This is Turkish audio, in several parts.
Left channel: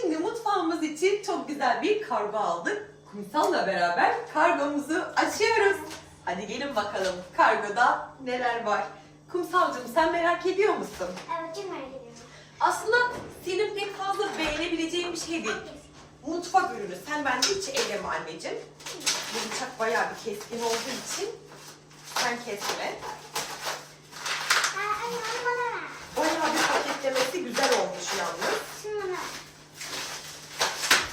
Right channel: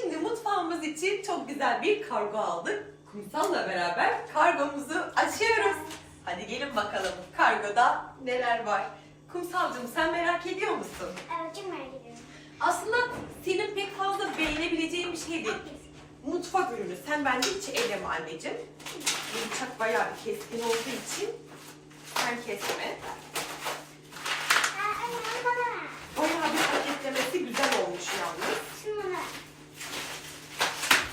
Şimdi mutfağımız için çok güzel bir kargo aldık. Kumsal'la beraber kargomuzu açıyoruz. Hadi gelin bakalım kargoda neler var. Kumsalcığım sen merak ediyor musun? Evet çok merak ediyorum. Aslında senin pek fazla beğenebileceğin bir şey değil. Mutfak ürünü. Sen bence hiç elleme anneciğim. Bu bıçak bayağı bir keskin olduğu için sen kesme. Aa, anne onu bana ver. Bayağı bir paketlemesi güzel olmuş yalnız. Şunu bana ver.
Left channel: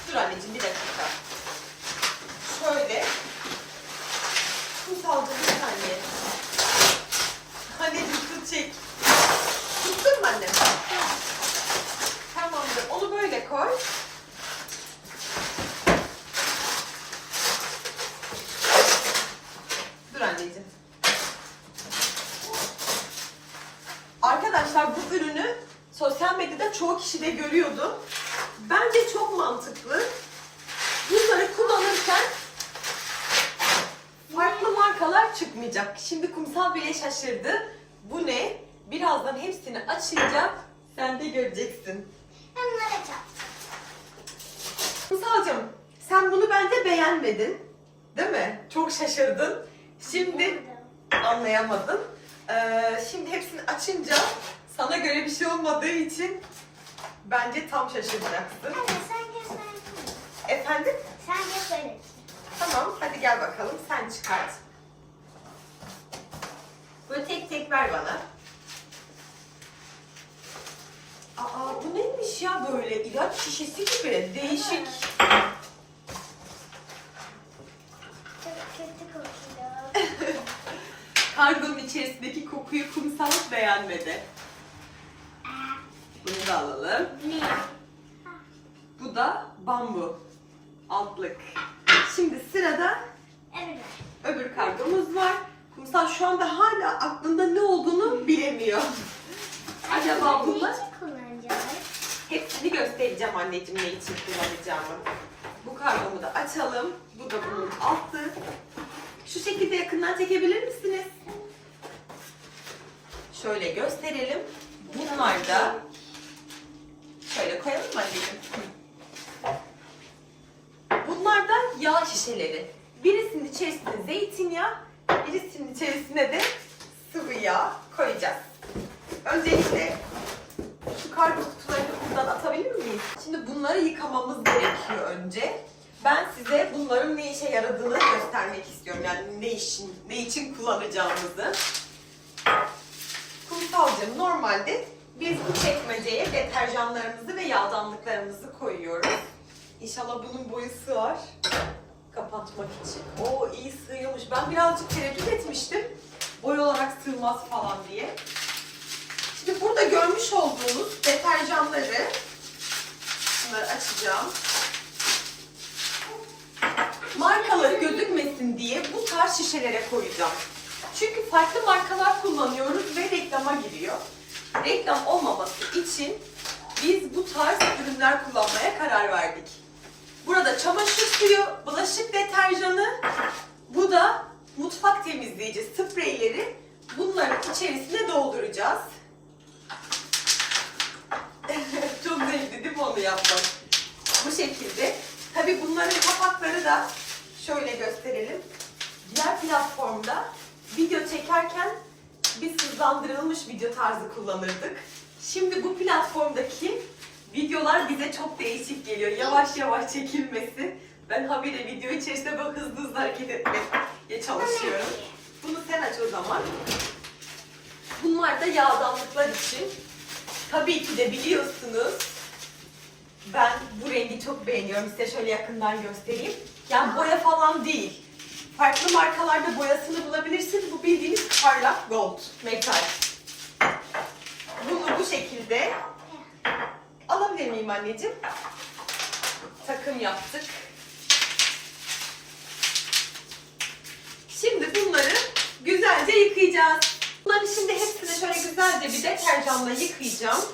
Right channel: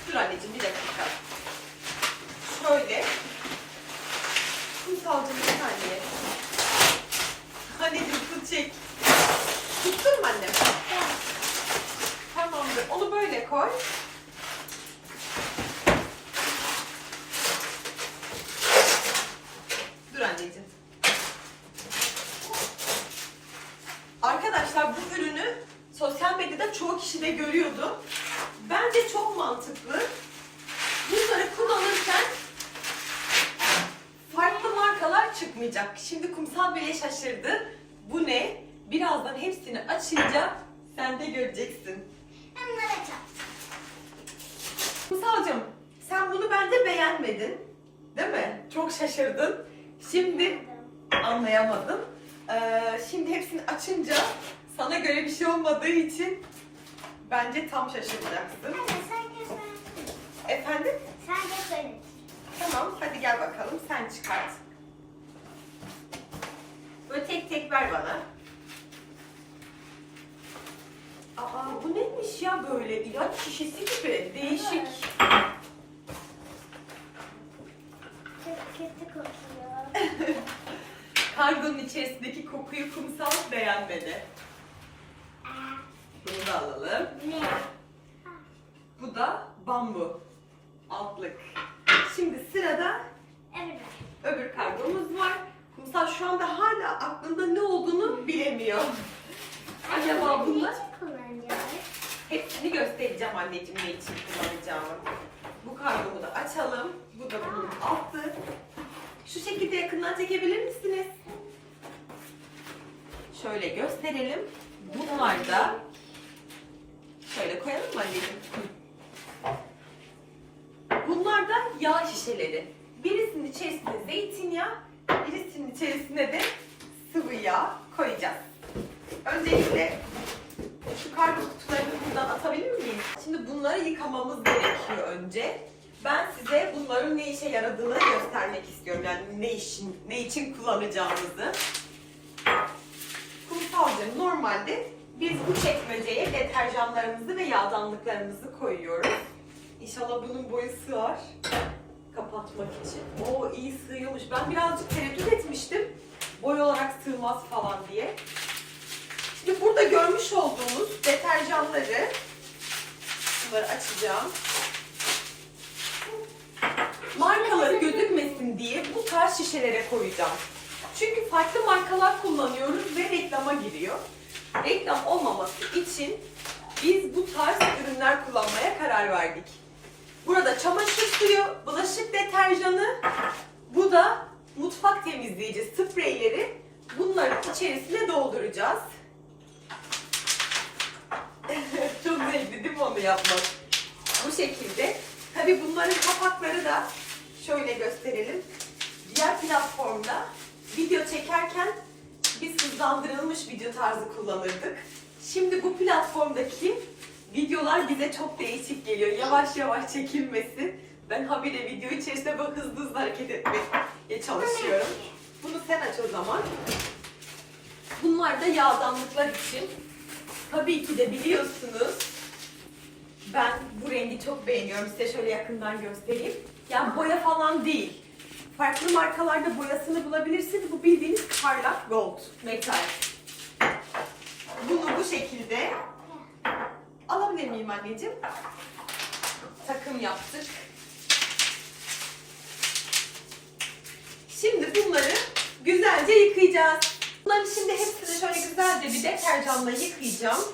Dur anneciğim bir dakika. Şöyle. Kumsalcığım bir saniye. Anneciğim tut çek. Tuttun mu annem? Tamamdır. Onu böyle koy. Dur anneciğim. Arkadaşlar bu ürünü sosyal medyada çoğu kişi de görüyordu. Bence çok mantıklı. Bunları kullanırken farklı markalar çıkmayacak. Şimdi kumsal bile şaşırdı. Bu ne? Birazdan hepsini açacak. Sen de göreceksin. Ben bunları açacağım. Kumsalcığım sen bunu bence beğenmedin. Değil mi? Çok şaşırdın. Şimdi anlayamadın. Ee, şimdi hepsini açınca sana göre bir şey olmadığı için bence tam şaşıracaksın. Anne sen göstersene. Efendim? Sen göster. Tamam hadi gel bakalım sen çıkart. Böyle tek tek ver bana. Aa bu neymiş ya böyle ilaç şişesi gibi değişik. Çok kötü kokuyor. Kargonun içerisindeki kokuyu kumsal beğenmedi. Bunu da alalım. ne? Bu da bambu altlık. Şimdi sırada Evet. öbür kargomuz var. Kumsal şu anda hala aklında ne olduğunu bilemiyor. Acaba bunlar? Hepsini göstereceğim anneciğim ne için kullanacağımı. Bu kargomu da açalım. Bu da bunun altı. Şu şekilde yakından çekebilir misiniz? Şöyle gösterelim. Bunlar da şöyle koyalım mı anneciğim? Bunlar da yağ şişeleri. Birisinin içerisine zeytinyağı, birisinin içerisine de sıvı yağ koyacağız. Öncelikle şu kargo kutularını buradan atabilir miyiz? Şimdi bunları yıkamamız gerekiyor önce. Ben size bunların ne işe yaradığını göstermek istiyorum. Yani ne için, ne için kullanacağımızı. Kumsalcığım normalde biz bu çekmeceye deterjanlarımızı ve yağdanlıklarımızı koyuyoruz. İnşallah bunun boyu sığar. Kapatmak için. Oo iyi sığıyormuş. Ben birazcık tereddüt etmiştim. Boy olarak sığmaz falan diye. Şimdi burada görmüş olduğunuz deterjanları bunları açacağım. Markaları gözükmesin diye bu tarz şişelere koyacağım. Çünkü farklı markalar kullanıyoruz ve reklama giriyor. Reklam olmaması için biz bu tarz ürünler kullanmaya karar verdik. Burada çamaşır suyu, bulaşık deterjanı, bu da mutfak temizleyici spreyleri bunların içerisine dolduracağız. Çok zevkli değil mi onu yapmak? Bu şekilde. Tabii bunların kapakları da şöyle gösterelim. Diğer platformda video biz hızlandırılmış video tarzı kullanırdık. Şimdi bu platformdaki videolar bize çok değişik geliyor. Yavaş yavaş çekilmesi. Ben habire video içerisinde böyle hızlı hızlı hareket etmeye çalışıyorum. Bunu sen aç o zaman. Bunlar da yağdanlıklar için. Tabii ki de biliyorsunuz ben bu rengi çok beğeniyorum. Size şöyle yakından göstereyim. Yani boya falan değil. Farklı markalarda boyasını bulabilirsiniz. Bu bildiğiniz parlak gold, metal. Bunu bu şekilde alabilir miyim anneciğim? Takım yaptık. Şimdi bunları güzelce yıkayacağız. Bunları şimdi hepsini şöyle güzelce bir deterjanla yıkayacağım.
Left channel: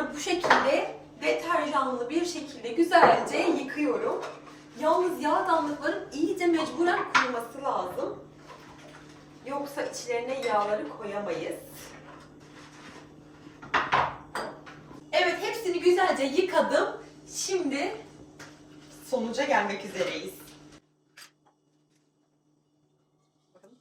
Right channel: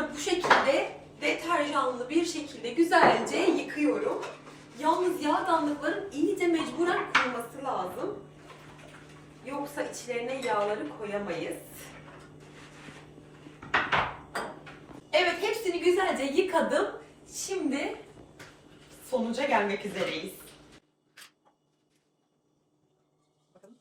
Bunları bu şekilde deterjanlı bir şekilde güzelce yıkıyorum. Yalnız yağdanlıkların iyice mecburen kuruması lazım. Yoksa içlerine yağları koyamayız. Evet hepsini güzelce yıkadım. Şimdi sonuca gelmek üzereyiz. Bakalım.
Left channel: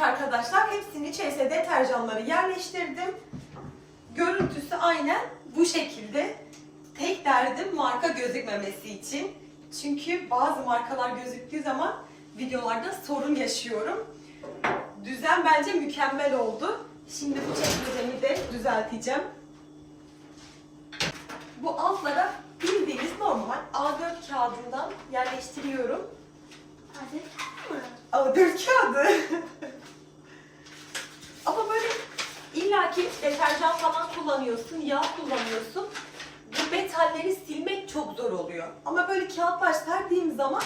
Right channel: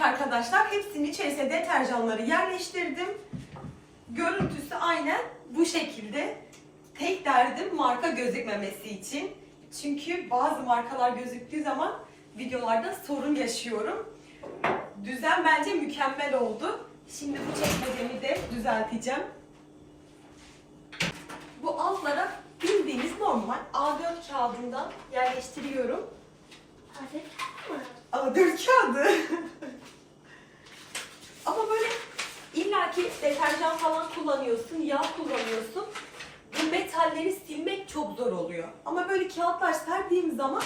Arkadaşlar hepsinin içerisine deterjanları yerleştirdim. Görüntüsü aynen bu şekilde. Tek derdim marka gözükmemesi için. Çünkü bazı markalar gözüktüğü zaman videolarda sorun yaşıyorum. Düzen bence mükemmel oldu. Şimdi bu çekmecemi de düzelteceğim. Bu altlara bildiğiniz normal A4 kağıdından yerleştiriyorum. Hadi. A4 kağıdı. Ama böyle illaki deterjan falan kullanıyorsun, yağ kullanıyorsun. Bu metalleri silmek çok zor oluyor. Ama böyle kağıtlar serdiğim zaman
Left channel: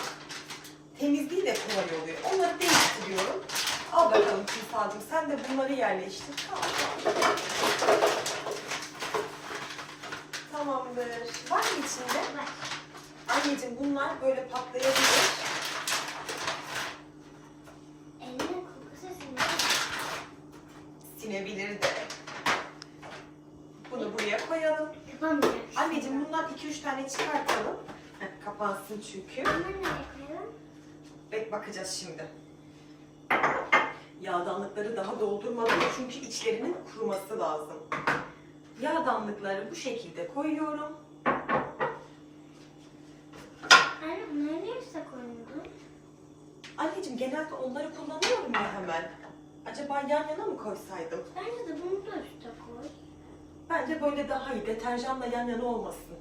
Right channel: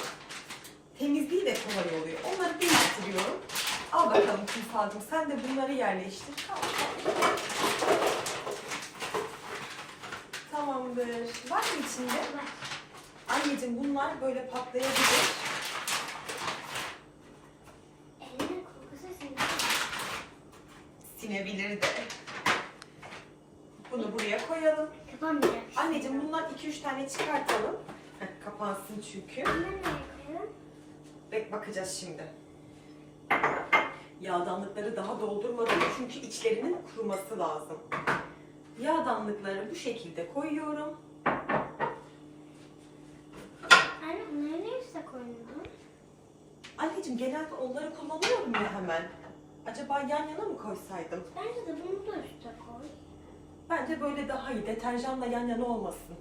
temizliği de kolay oluyor. Onları değiştiriyorum. Al bakalım Kumsalcığım sen de bunları yerleştir. Tamam. Tamamdır. Var mı içinde? Var. Anneciğim bunlar böyle patlayabilir. Sinebilir de. Bunu buraya koyalım. Kapanmayacak. Anneciğim bundan 2-3 tane çıkartalım. Heh, kapansın çünkü. Bunu nereye koyalım? Bek bakacağız şimdi. Yağdanlıkları daha doldurmadım çünkü içlerinin kuruması lazım. Yağdanlıkları bu şekilde koyuyorum. Anne onları nereye koydun? Anneciğim genelde onları kullanıyorum ya hemen. Acaba yan yana mı koysaydım? Bence de bunu da üste koy. Bence böyle daha iyi. Deterjanla yan yana olmasın.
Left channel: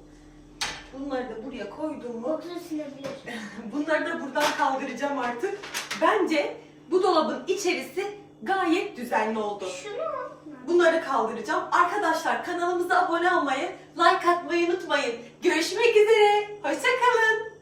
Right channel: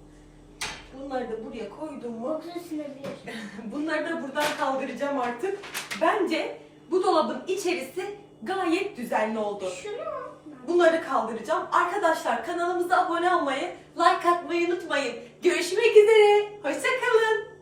Bunları da buraya koydum mu? Kokusu sinebilir. Bunları da buradan kaldıracağım artık. Bence bu dolabın içerisi gayet düzenli oldu. Şunu al. Bunları kaldıracağım. Arkadaşlar kanalımıza abone olmayı, like atmayı unutmayın. Görüşmek üzere. Hoşçakalın.